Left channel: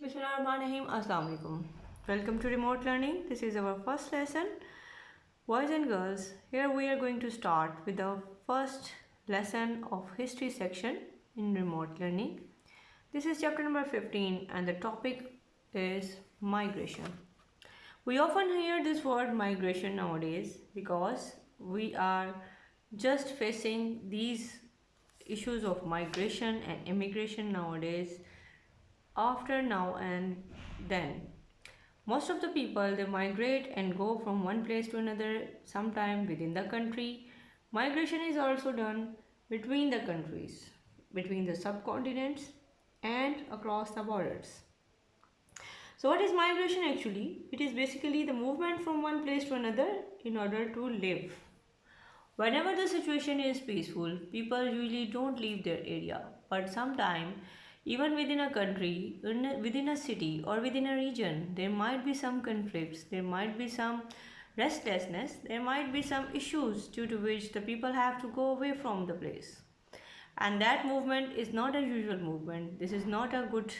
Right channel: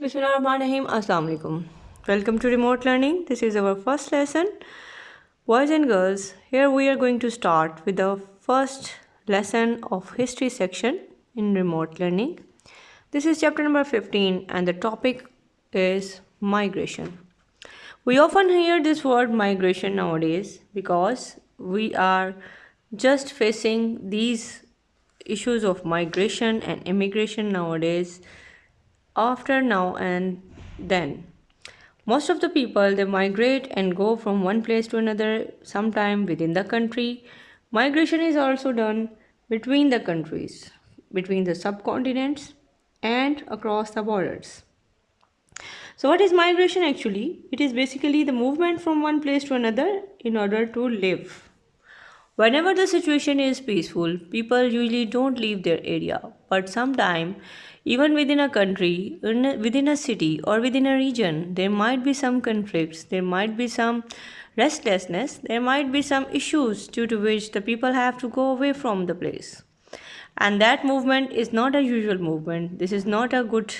Bismillahirrahmanirrahim. Assalamu alaikum. Welcome to remote learning. This is our first lesson. Boys and girls, here we are going to start with the first lesson of history section in remote learning. This is chapter number 15 and the topic is migration. We often hear this word migration nowadays because we are just facing these issues of migration and immigration nowadays after now and then. Most of the people they migrate and go from one place to another sometime within the country. Migration is also done between the countries, between the subcontinents and across the borders. So what is migration actually? It is basically the movement from one place to another in order to live. Whenever the situation is peaceful, people usually don't leave their area. But sometimes, even within a country, within a city, or within a region, there might be some conflicts, there might be some restlessness, there might be some issues due to which the people have to go away from the place. And that movement is not a usual movement. This is not a good,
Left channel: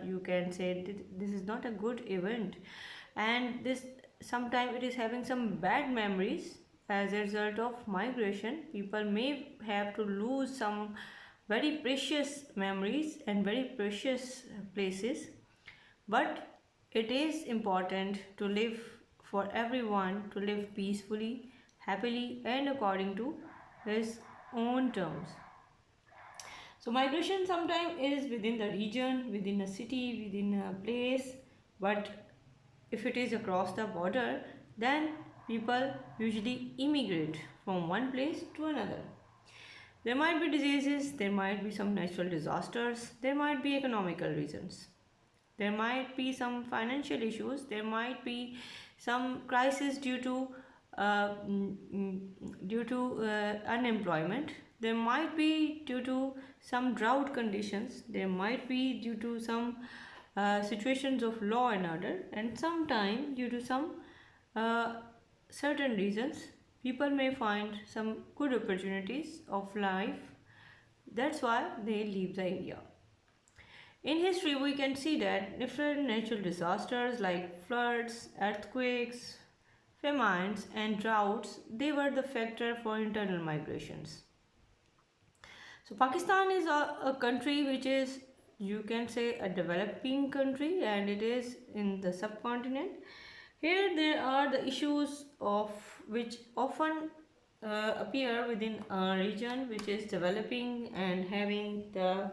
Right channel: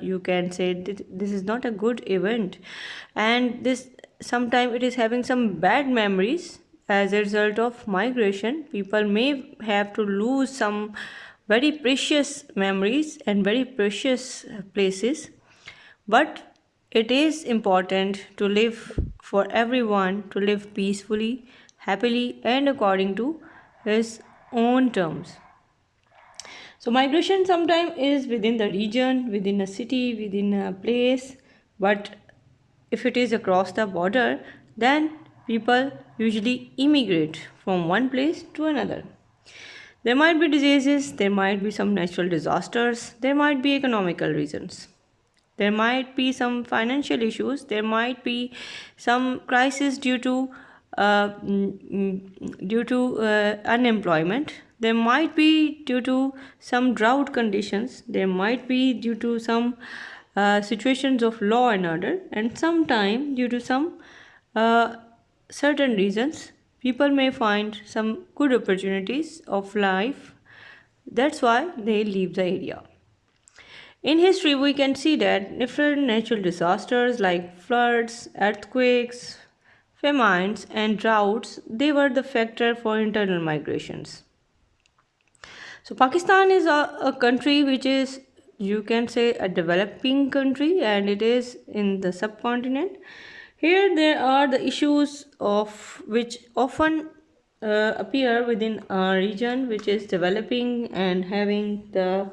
you can say, this is not a good event. And this sometimes it is having some bad memories as a result of migration. People may have to lose some very precious memories and very precious places, but it is important to live for everyone to live peacefully, happily, and according to his own terms. So migration sometimes is within the region, within a city, within a place, but if it is across the border, then people usually immigrate from one place to another. There might be diseases, there might be some natural disasters, there might be economical reasons. There might be some financial issues, there might be some crisis due to unemployment, there might be due to some drought conditions, there might be due to some situations of law and order, and sometime due to some uh, certain reasons people may find some good opportunities of life. That's why they leave the area. In history, we can see that different natural disasters like floods, earthquakes, famines, and droughts, they were the factor for internal migrations. So Pakistan is a country which is, you can say, a developing country, and it is in the subcontinent. Here there are the issues of which often appear within a region which is developing and having the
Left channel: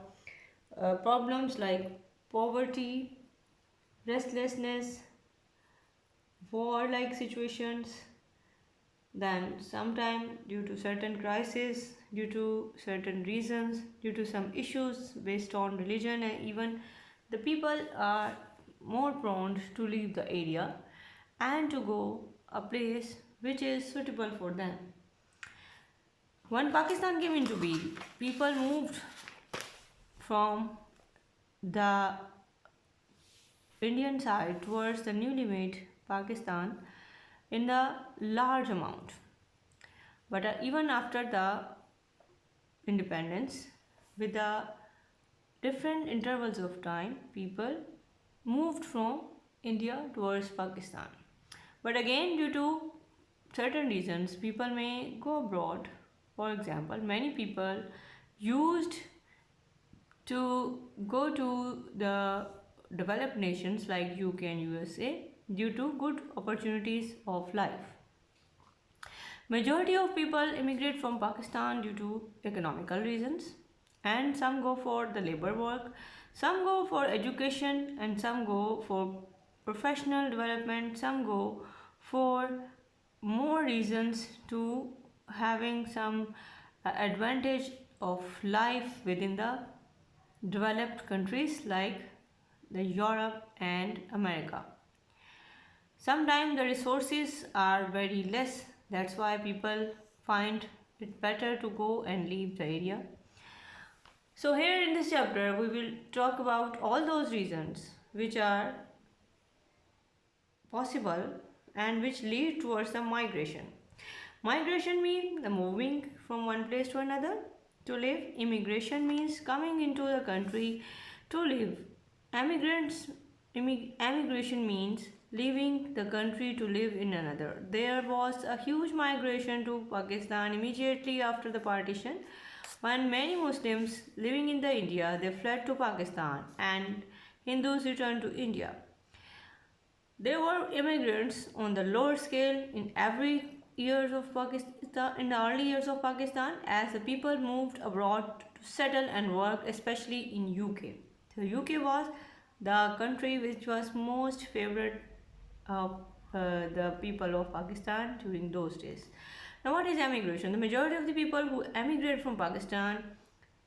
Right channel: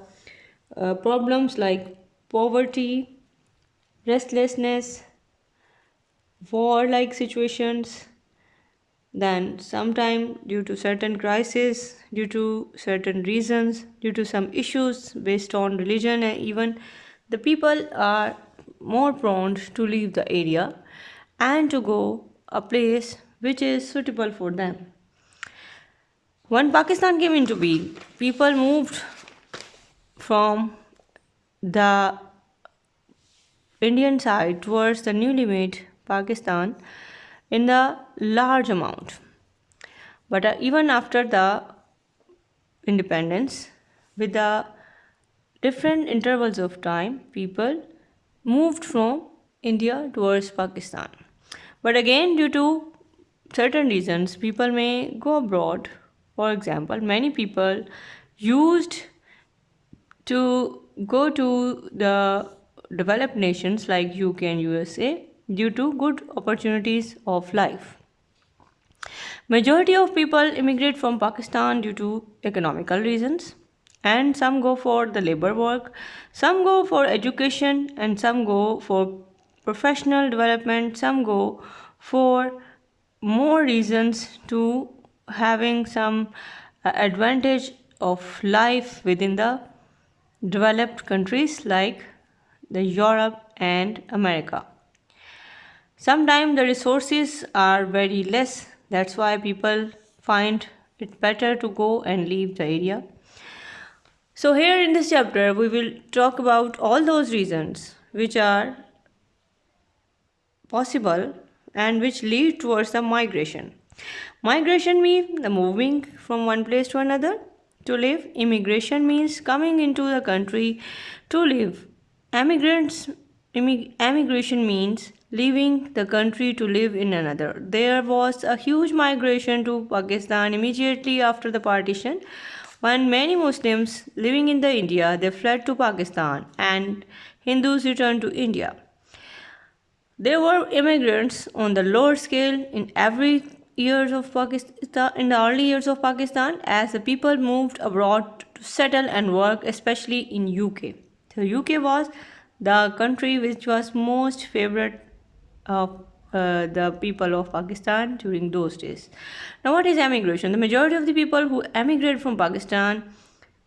problems like poverty, restlessness, war like situations, then sometime due to certain crises, due to certain reasons, due to some issues based on religion, and even the people are more prone to leave the area and to go a place which is suitable for them. When Pakistan came into being, people moved from the Indian side towards the newly made Pakistan in the large amount. But even after the independence, with the different intervals of time, people moved from India towards Pakistan. But again, due to certain reasons, people may go abroad. For example, many people used to go to the developed nations like UK and USA due to good opportunities of life. Majority of people immigrate from Pakistan due to economical reasons, and some go for the labor work, some go for education, and some go for professional development, some go for more reasons to having some advantage of life within the developed countries like the Europe and America. Sometimes the resources are very less, that's why people find it better to go and leave the area. So, here in this chapter, we will talk about all those reasons which are possible and which lead towards the migration. Migration means the moving from one place to another to live. Immigration means coming into the country to live Emigrants, emigration means leaving the country to live in another. There was a huge migration to Pakistan immediately after the partition. When many Muslims living in the India, they fled to Pakistan and Hindus returned to India. There were immigrants on the lower scale in every years of Pakistan in the early years of Pakistan as the people moved abroad to settle and work, especially in UK. So UK was the country which was most favorite of the people of Pakistan during those days. Now, what is emigration? The majority of the people who emigrate from Pakistan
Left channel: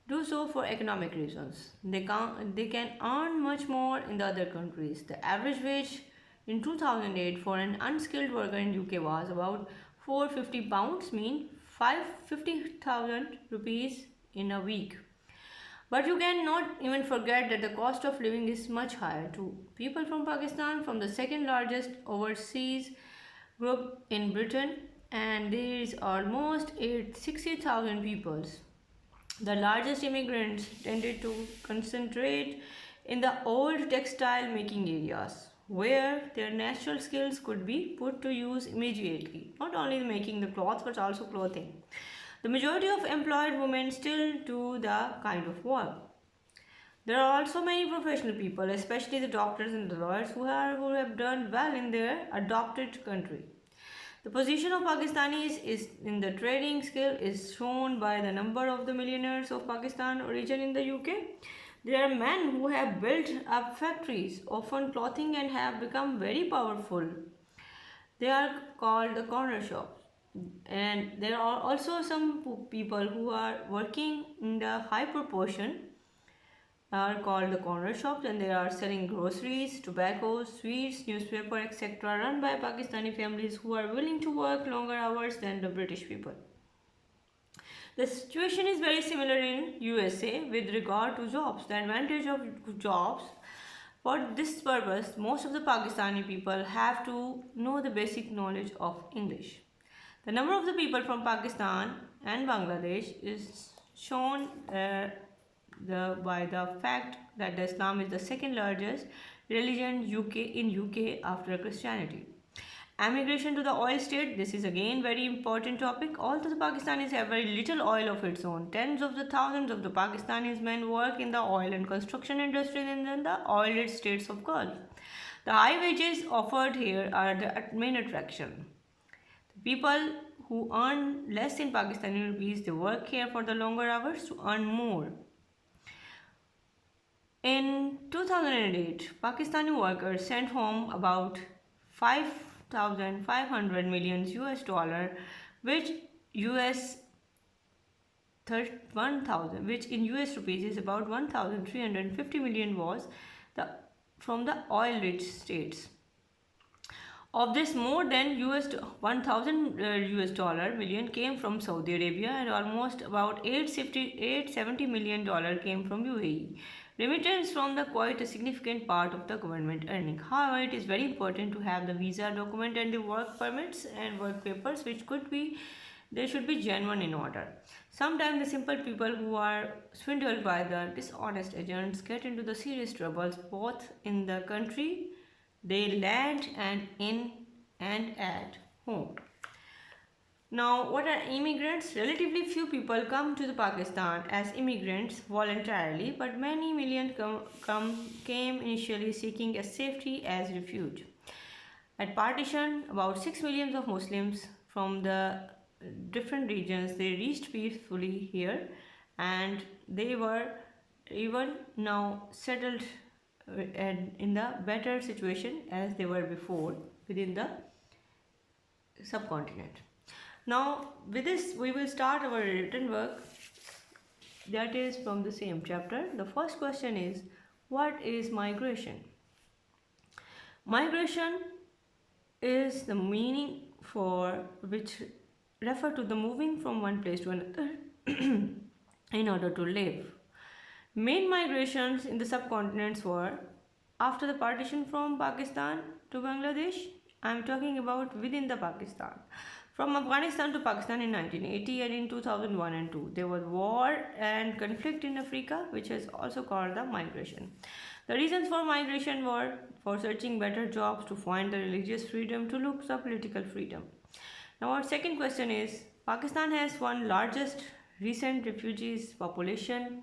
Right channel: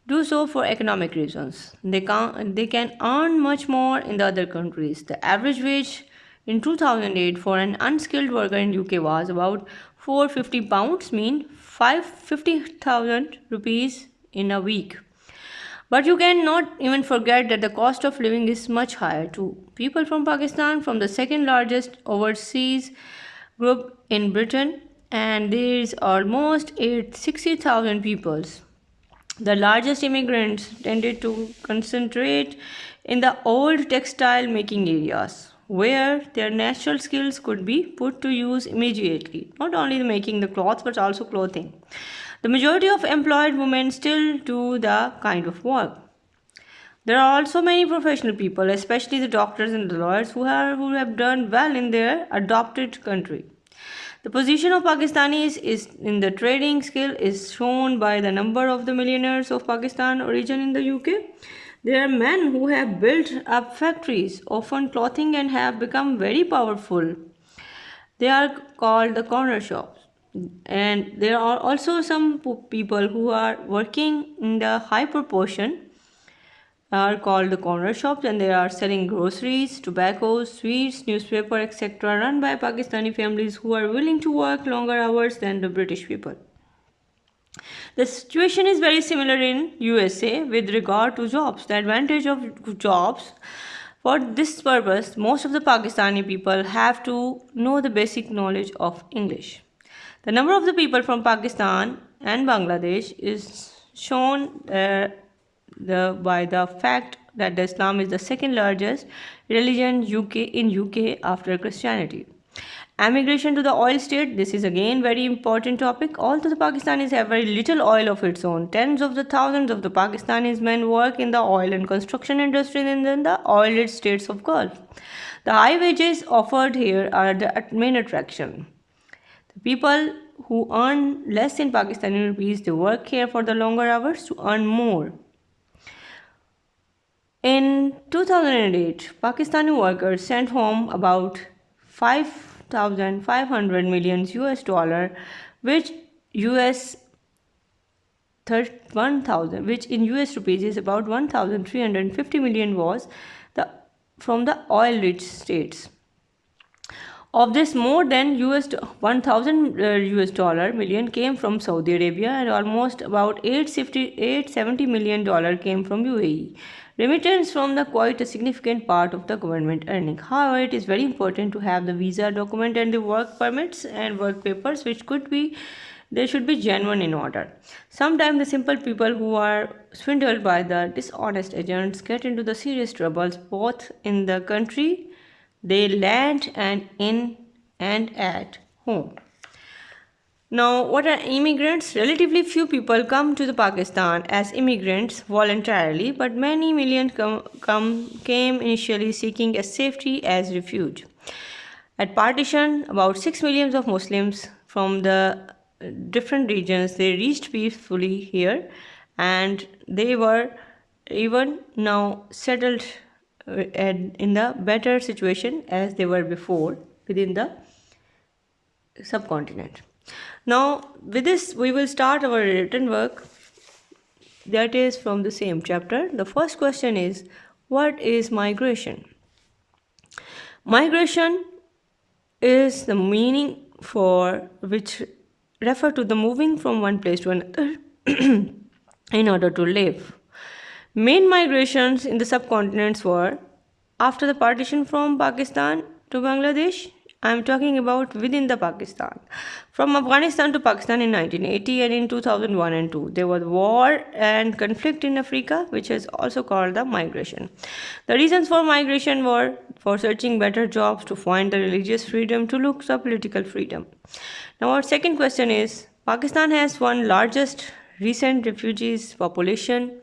do so for economic reasons. They can earn much more in the other countries. The average wage in 2008 for an unskilled worker in UK was about 450 pounds, mean 550,000 rupees in a week. But you cannot even forget that the cost of living is much higher too. People from Pakistan, from the second largest overseas group in Britain, and there is almost 60,000 people. The largest immigrants tended to concentrate in the old textile making areas where their natural skills could be put to use immediately, not only making the cloth but also clothing. The majority of employed women still do the kind of work. There are also many professional people, especially the doctors and the lawyers, who have done well in their adopted country. The position of Pakistanis is in the trading skill is shown by the number of the millionaires of Pakistan origin in the UK. There are men who have built up factories, often clothing, and have become very powerful. They are called the corner shops. And there are also some people who are working in the high proportion are called the corner shops, and they are selling groceries, tobacco, sweets, newspaper, etc., run by Pakistani families who are willing to work longer hours than the British people. The situation is very similar in USA with regard to jobs. The advantage of jobs, for this purpose, most of the Pakistani people have to know the basic knowledge of English. The number of the people from Pakistan and Bangladesh is shown by the fact that the Islam is the second largest religion in UK after Christianity. Emigration to the oil state, this is again very important topic. Although the Pakistanis have very little oil of its own, tens of the thousands of the Pakistanis men work in the oil and construction industry in the oil-rich states of Gulf. The high wages offered here are the main attraction. The people who earn less in Pakistani rupees, they work here for the longer hours to earn more. In 2008, Pakistani workers sent home about 5,500 million US dollar, which US 1,000, which in US rupees is about 1,350 million, was from the oil-rich states. Of this, more than US 1,000 US dollar million came from Saudi Arabia, and almost about 870 million dollar came from UAE. Remittance from the quite a significant part of the government earning. However, it is very important to have the visa document and the work permits and work papers, which they should be genuine in order. Sometimes the simple people who are swindled by the dishonest agents get into the serious troubles both in the country they land and in and at home. Now, what are immigrants? Relatively few people come to the Pakistan as immigrants voluntarily, but many millions came initially seeking a safety as refuge. At partition, about 6 million of Muslims from the different regions, they reached peacefully here, and they were even now settled in the better situation as they were before within the subcontinent. Now, with this, we will start our written work, that is from the same chapter. The first question is, what is migration? Migration is the meaning for which refer to the moving from one place to another in order to live. Main migrations in the subcontinents were after the partition from Pakistan to Bangladesh I'm talking about within the Pakistan. From Afghanistan to Pakistan in 1980 and in 2001 and 2, there was war and conflict in Africa, which is also called the migration. The reasons for migration were for searching better jobs, to find the religious freedom, to look for political freedom. Now, our second question is Pakistan has one largest recent refugees population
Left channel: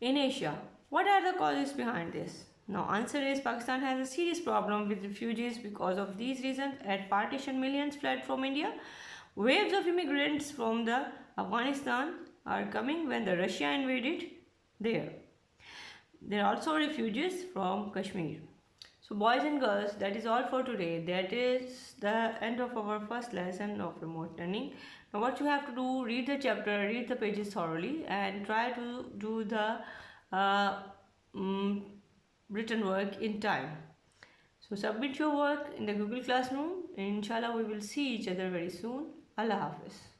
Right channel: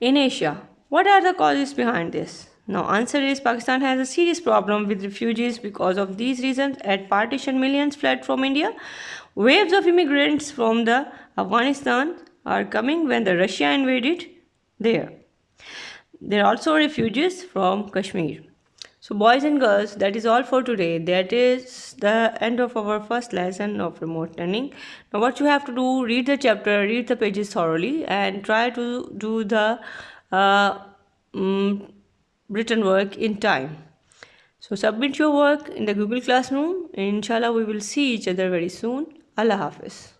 in Asia. What are the causes behind this? Now, answer is Pakistan has a serious problem with refugees. Because of these reasons, at partition, millions fled from India. Waves of immigrants from the Afghanistan are coming when the Russia invaded there. There are also refugees from Kashmir. So, boys and girls, that is all for today. That is the end of our first lesson of remote learning. Now, what you have to do, read the chapter, read the pages thoroughly, and try to do the uh, mm, written work in time. So, submit your work in the Google Classroom. Inshallah, we will see each other very soon. Allah Hafiz.